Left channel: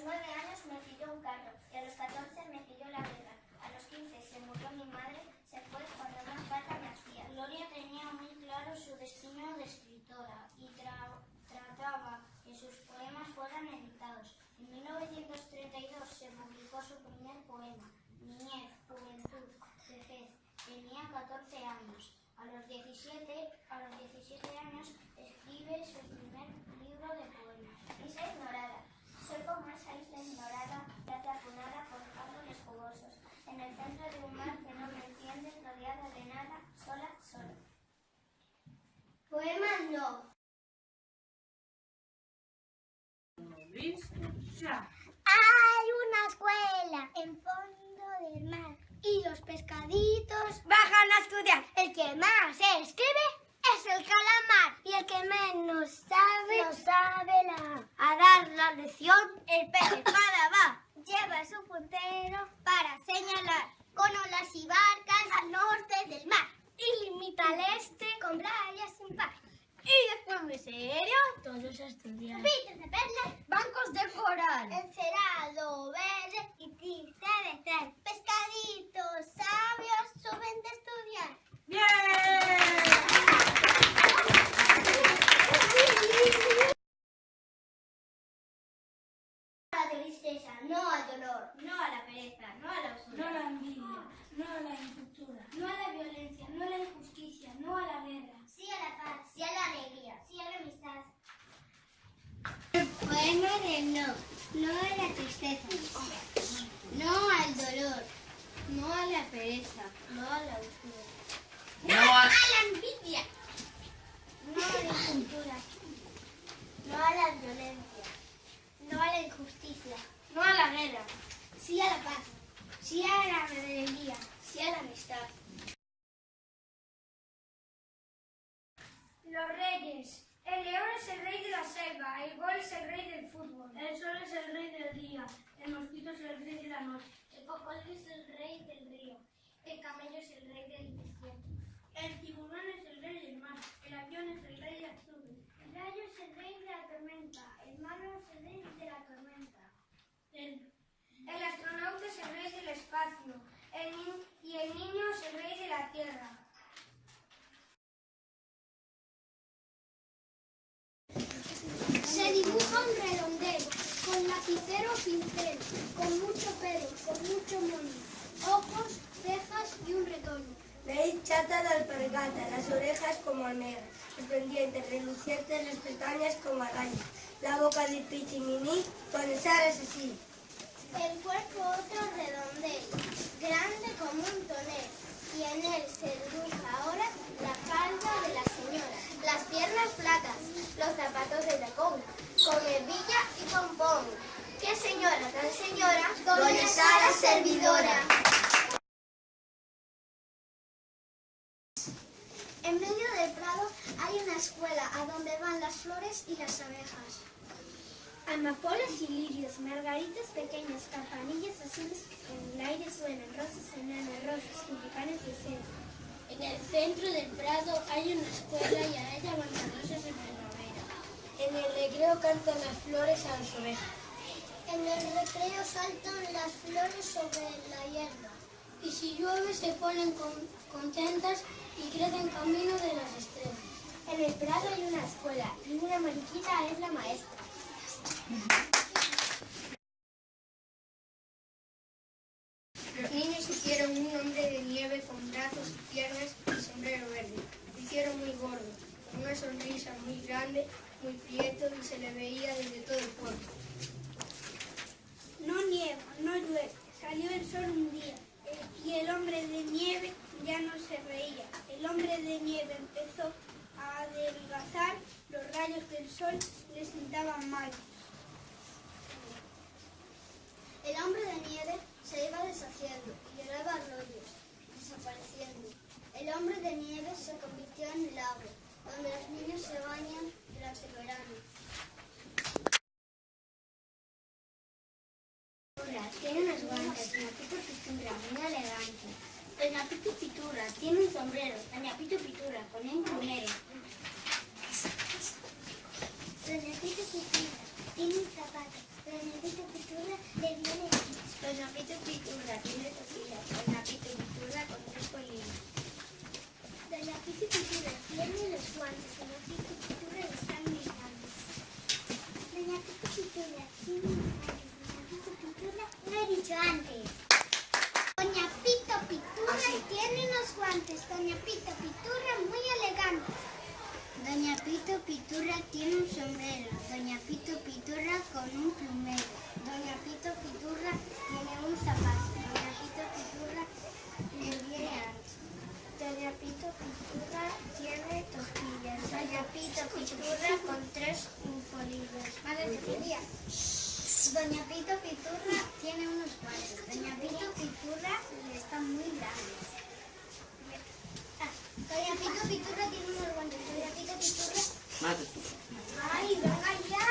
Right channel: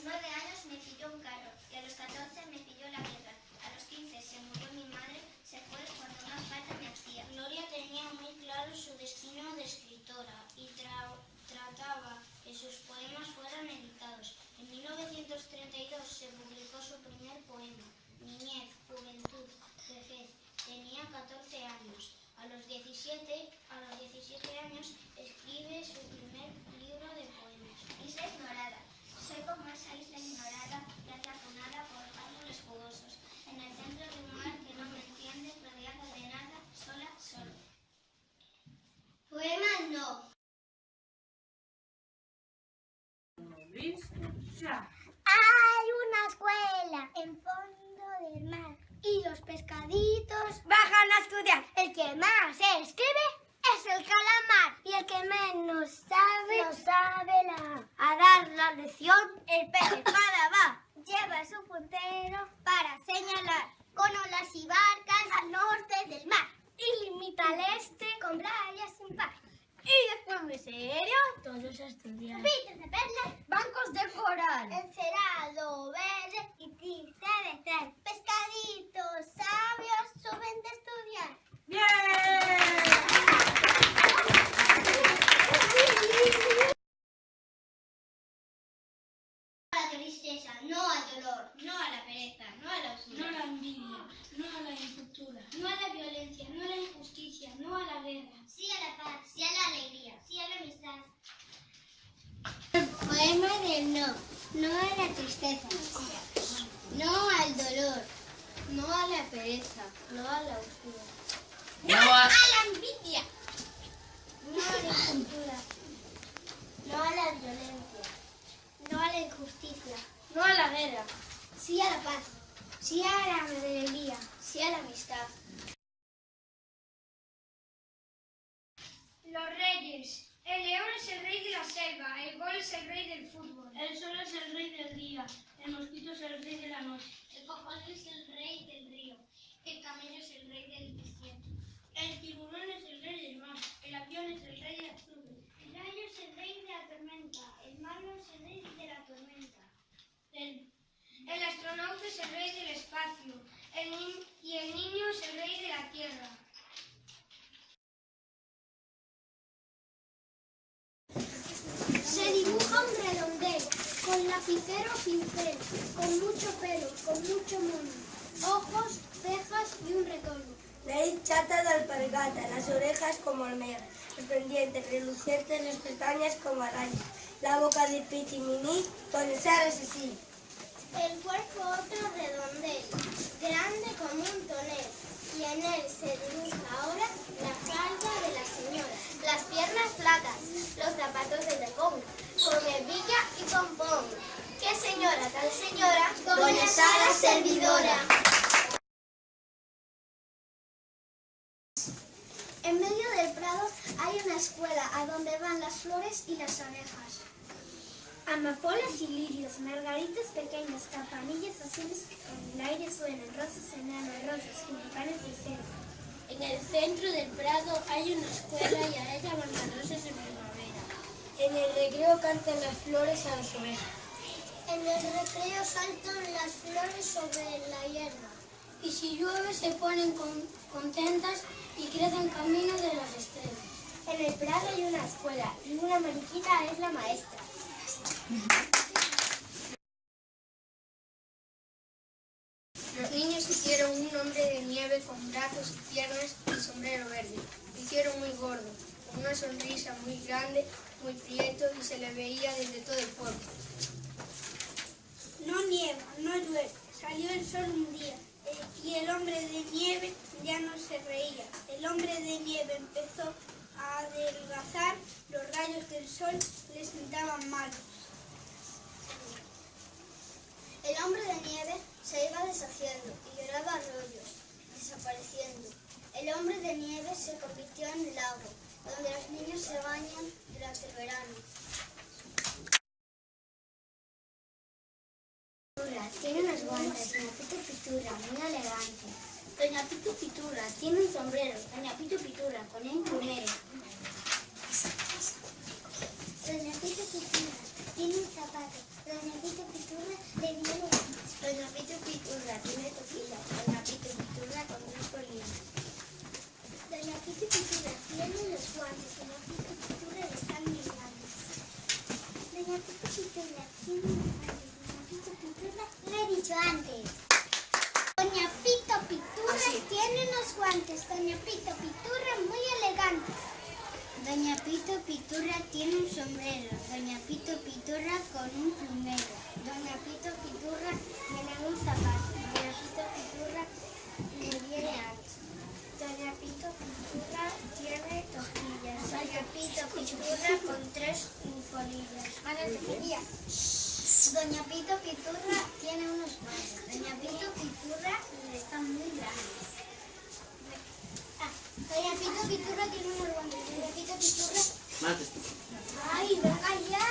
los 9 años me pilló un carro y a los 14 me pilló la guerra. A los 15 se murió mi madre, se fue cuando más falta me hacía. Gloria tenía muy claro su destino de escritora y trataba que sus poemas fueran editados. En 1932 se publicó su primer poema, Niñez, Juventud, Vejez. Tenía 14 años. A los 17 años escribe su primer libro de poemas. Isla ignorada. Soy como esa isla ignorada, apunada por árboles jugosos, en el centro de un mar que no me entiende, rodeada de nada, sola, solo. Poema no. Hay una escuela en fondo del mar y los pescaditos bajan a estudiar. El que más escribe es el calamar y el que menos sabe No sabe a dar la lección, el pez espada va. lleva su puntero para señalar con olas y barcas al norte del mar y limita al este con playas sin par. Y después, muy serio, todos a estudiar. Pitos de perlas, Bancos de coral. encerado verde y triste de traer. Pescaditos sabios suben de estudiar. ¡Bien! No a la tristeza, no al dolor, no a la pereza, no a la usura. No a la envidia, no a la incultura. No a la violencia, no a la injusticia, no a la guerra. Sí a la paz, sí a la alegría, sí a la amistad. Poema de no a la tristeza, no al dolor, no a la pereza, no a la usura. ¡No a la envidia! No a la cultura, No a la violencia, no a la injusticia, no a la guerra. sí a la paz, sí a la alegría, sí a la amistad. Los reyes. El león es el rey de la selva, el gol es el rey del fútbol, el sol es el rey del día, el mosquito es el rey de la noche, El cocodrilo es el rey del río, el camello es el rey del desierto. el tiburón es el rey del mar, el avión es el rey de las nubes, El rayo es el rey de la tormenta, el malo es el rey de la tormenta. el astronauta es el rey del espacio, y el niño es el rey de la tierra. Se dibuja un redondel, con lapicero o pincel, con mucho pelo, con mucho moño, ojos, cejas y un retoño. Nariz chata de alpargata, las orejas como almejas, los pendientes relucientes, las pestañas como arañas, la boca de pichiminí con el así. El cuerpo otro redondel, grande como un tonel, y en él se dibuja ahora la falda de la señora, las piernas flacas, los zapatos de tacón, con hebilla y pompón. ¡Qué señora tan señora, doña Sara servidora! En medio del prado hay una escuela a donde van las flores y las abejas. Amapolas y lirios, margaritas pequeñas, campanillas azules en el aire suenan, rosas enanas, rosas, tulipanes de seda. En el centro del prado hay una escuela y a ella van las rosas en primavera. En el recreo cantan las flores a las ovejas. En el recreo saltan las flores sobre la hierba. Y si llueve se ponen contentas y crecen camino de las estrellas. En el prado hay una escuela y una mariquita es la maestra. Los niños hicieron un hombre de nieve con brazos y piernas y sombrero verde. Lo hicieron muy gordo, con una sonrisa muy grande, muy prieto y se le veía desde todo el pueblo. No nieva, no llueve, salió el sol un día y el hombre de nieve ya no se reía. El hombre de nieve empezó a adelgazar, los rayos del sol le sentaban mal. El hombre de nieve se iba deshaciendo y lloraba arroyos, desapareciendo. El hombre de nieve se convirtió en un lago, donde los niños se bañan durante el verano. Tiene unos guantes, Doña Pito Pitura, muy elegante. Doña Pito Pitura tiene un sombrero, Doña Pito Pitura, con un plumero. Doña Pito Pitura tiene un zapato, Doña Pito Pitura Doña Pito Piturra tiene toquillas. Doña Pito Piturra con 3 polillas. Doña Pito Piturra tiene los guantes. Doña Pito Piturra están muy grandes. Doña Pito Piturra tiene los guantes. Doña Pito Piturra lo he dicho antes. Doña Pito Piturra tiene unos guantes. Doña Pito Piturra muy elegante. Doña Pito Piturra tiene un sombrero. Doña Pito Piturra con un plumero. Doña Pito Piturra tiene un zapato. Doña Pito Piturra le viene ancho. Doña Pito Piturra tiene toquillas. Doña Pito Piturra con 3 polillas. Doña Pito Piturra tiene unos guantes. Doña Pito Piturra están muy grandes. Doña Pito Piturra tiene unos guantes. Doña Pito Piturra... Mate. ¡Ay, venga ya!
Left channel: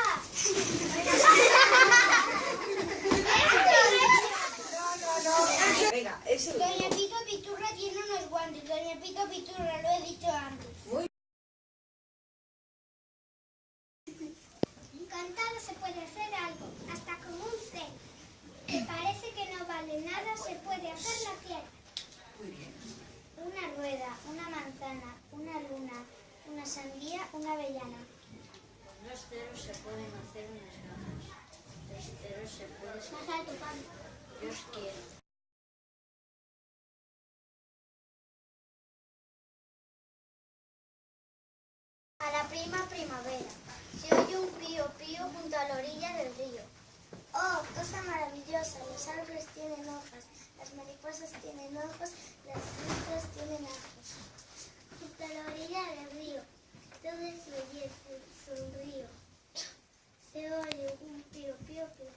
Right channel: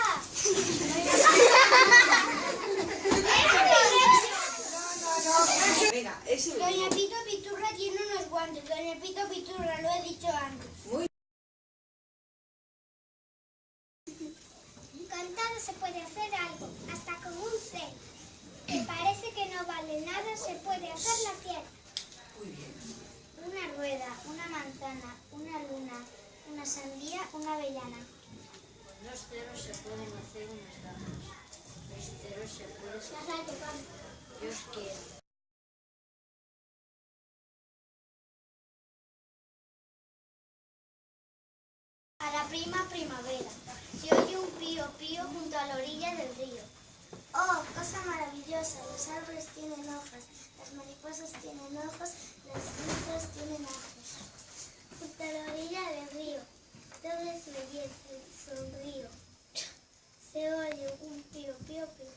Venga, ese último. Doña Pito Piturra tiene unos guantes. Doña Pito Piturra, lo he dicho antes. Con todo se puede hacer algo, hasta con un cel. Que parece que no vale nada, se puede hacer la tierra. Muy bien. Una rueda, una manzana, una luna, una sandía, una avellana. Con 2 ceros se pueden hacer unas gafas. 3 ceros se puede hacer. Dios quiera. A la prima primavera, se oye un pío pío junto a la orilla del río. Oh, cosa maravillosa, los árboles tienen hojas, las mariposas tienen ojos, las frutas tienen ajos. Junto a la orilla del río, todo es belleza, sonrío. Se oye un pío pío pío.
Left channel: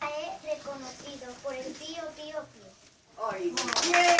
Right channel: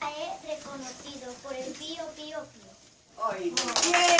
He reconocido por el pío pío pío. ¡Ay, bien!